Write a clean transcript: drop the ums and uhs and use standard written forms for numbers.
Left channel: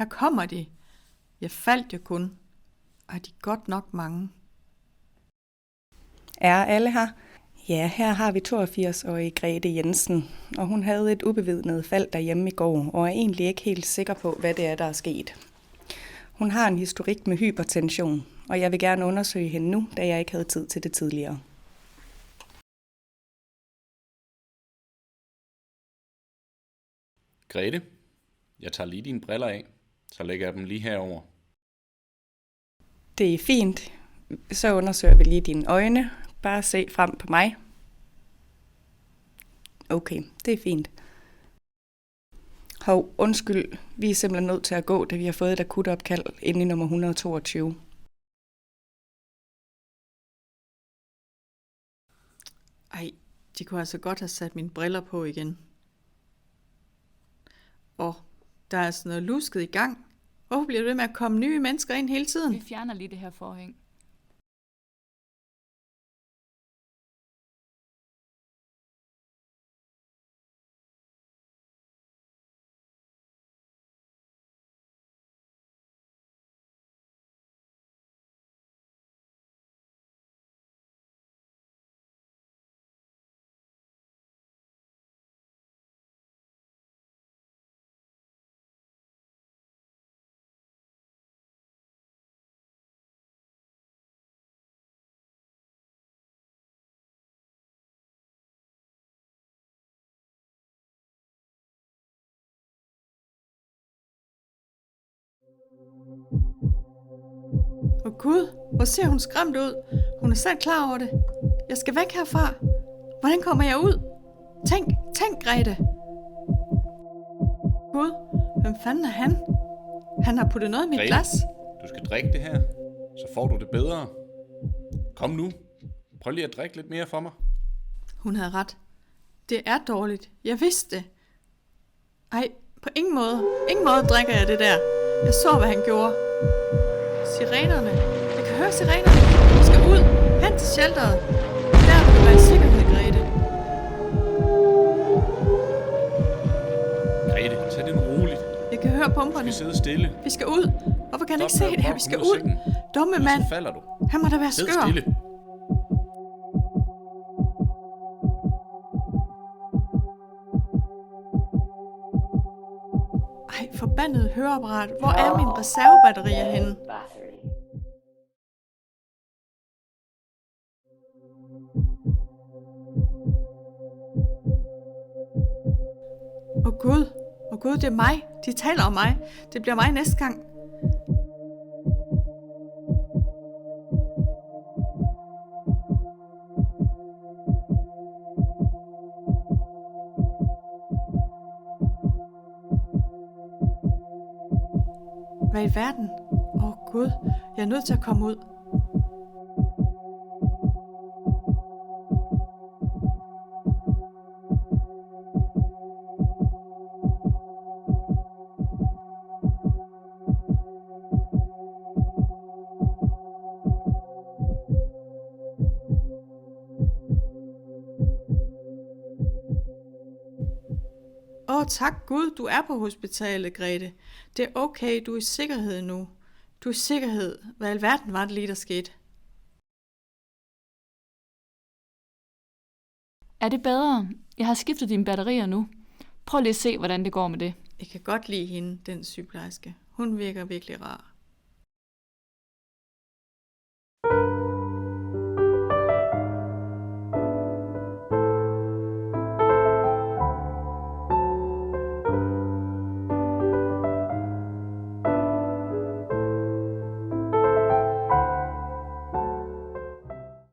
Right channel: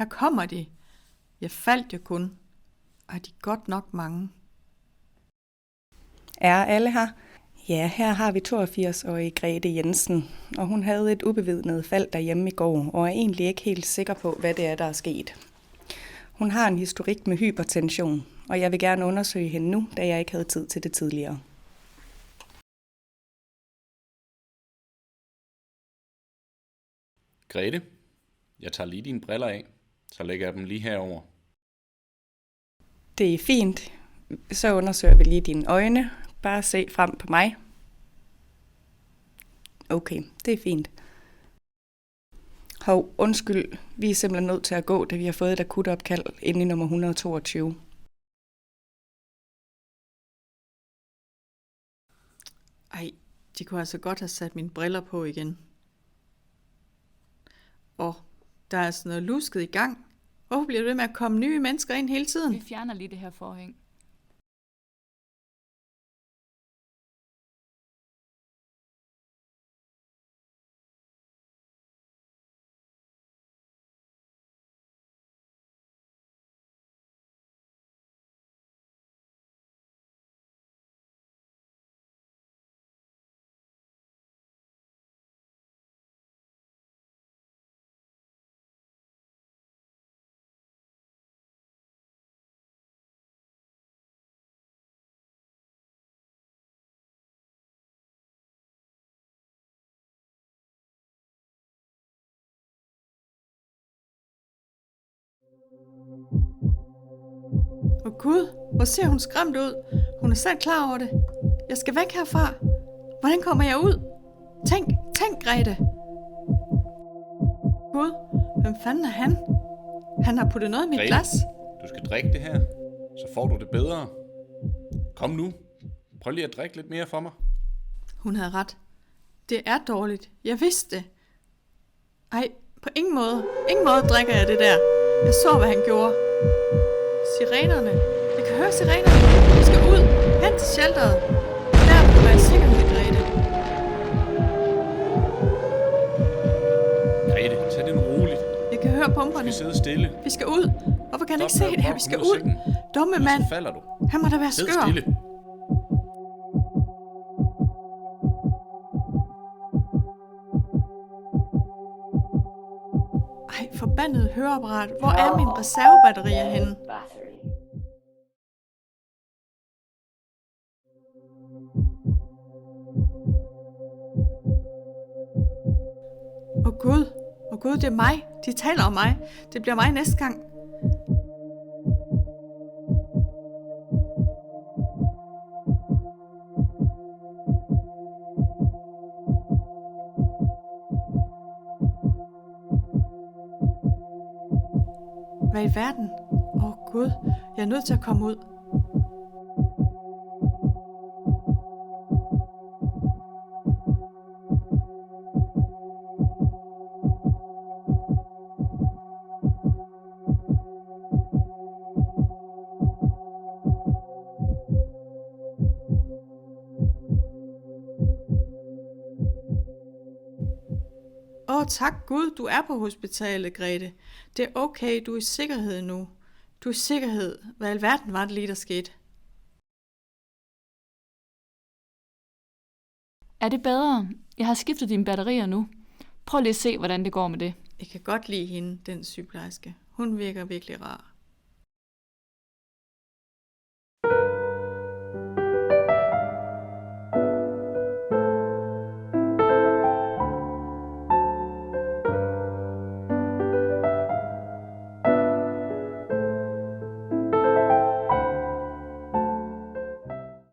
Her kommer de. Jeg faldt jo kun. Og de er godt nok mange. Er alle her? Ja, her har vi 82-årige Grete Jensen, og hun havde et ubevidnet fald derhjemme i går, og er egentlig ikke helt sikker på, hvad det er, der er sket. Hun har en historik med hypertension, og jeg vil gerne undersøge hende nu, da jeg ikke havde tid til det tidligere. Grete, jeg tager lige dine briller af, så lægger jeg dem lige herover. Det er fint. Så undersøger vi lige dine øjne. Bare se frem på mig. Okay, det er fint. Hov, undskyld. Vi er simpelthen nødt til at gå, da vi har fået et akut opkald inde i nummer 122. Ej, de kunne altså godt have sat mine briller på igen. Der er altså noget lusket i gang. Hvorfor bliver det ved med at komme nye mennesker ind hele tiden? Vi fjerner lige det her forhæng. Gud, hvor ser hun skræmt ud. Hun er selv klar over det. Jeg skal væk herfra. Hvordan kommer jeg ud? Tænk, Grete. Gud, hvem fanden er han? Han har puttet noget i mit Grete, glas. Du skal drikke det her, så får du det bedre. Kom nu. Prøv lige at drikke lidt mere for mig. Hun havde ret. Det er dårligt. Jeg vidste det. Ej, på ingen måde drikker jeg det der. Jeg så, hvad han gjorde. Sirenerne. Jeg kan høre sirenerne. Vi skal ud. Hen til shelteret. Der vil du være i sikkerhed, Grete. Grete, tag det nu roligt. Jeg kan høre pumperne. Vi skal sidde stille. Vi skal ud. Hvorfor kan han ikke se det her? Vi skal ud. Dumme mand. Så falder du. Han må da være Sid skør. stille. Ej, forbandet høreapparat. Hvor er min reservebatterier henne? Åh Gud, det er mig. De taler om mig. Det bliver mig næste gang. Hvad i verden? Åh Gud, jeg er nødt til at komme ud. Tak Gud, du er på hospitalet, Grete. Det er okay, du er i sikkerhed nu. Du er i sikkerhed. Hvad i alverden var det lige, der skete? Er det bedre? Jeg har skiftet dine batterier nu. Prøv lige at se, hvordan det går med det. Jeg kan godt lide hende, den sygeplejerske. Hun virker virkelig rar.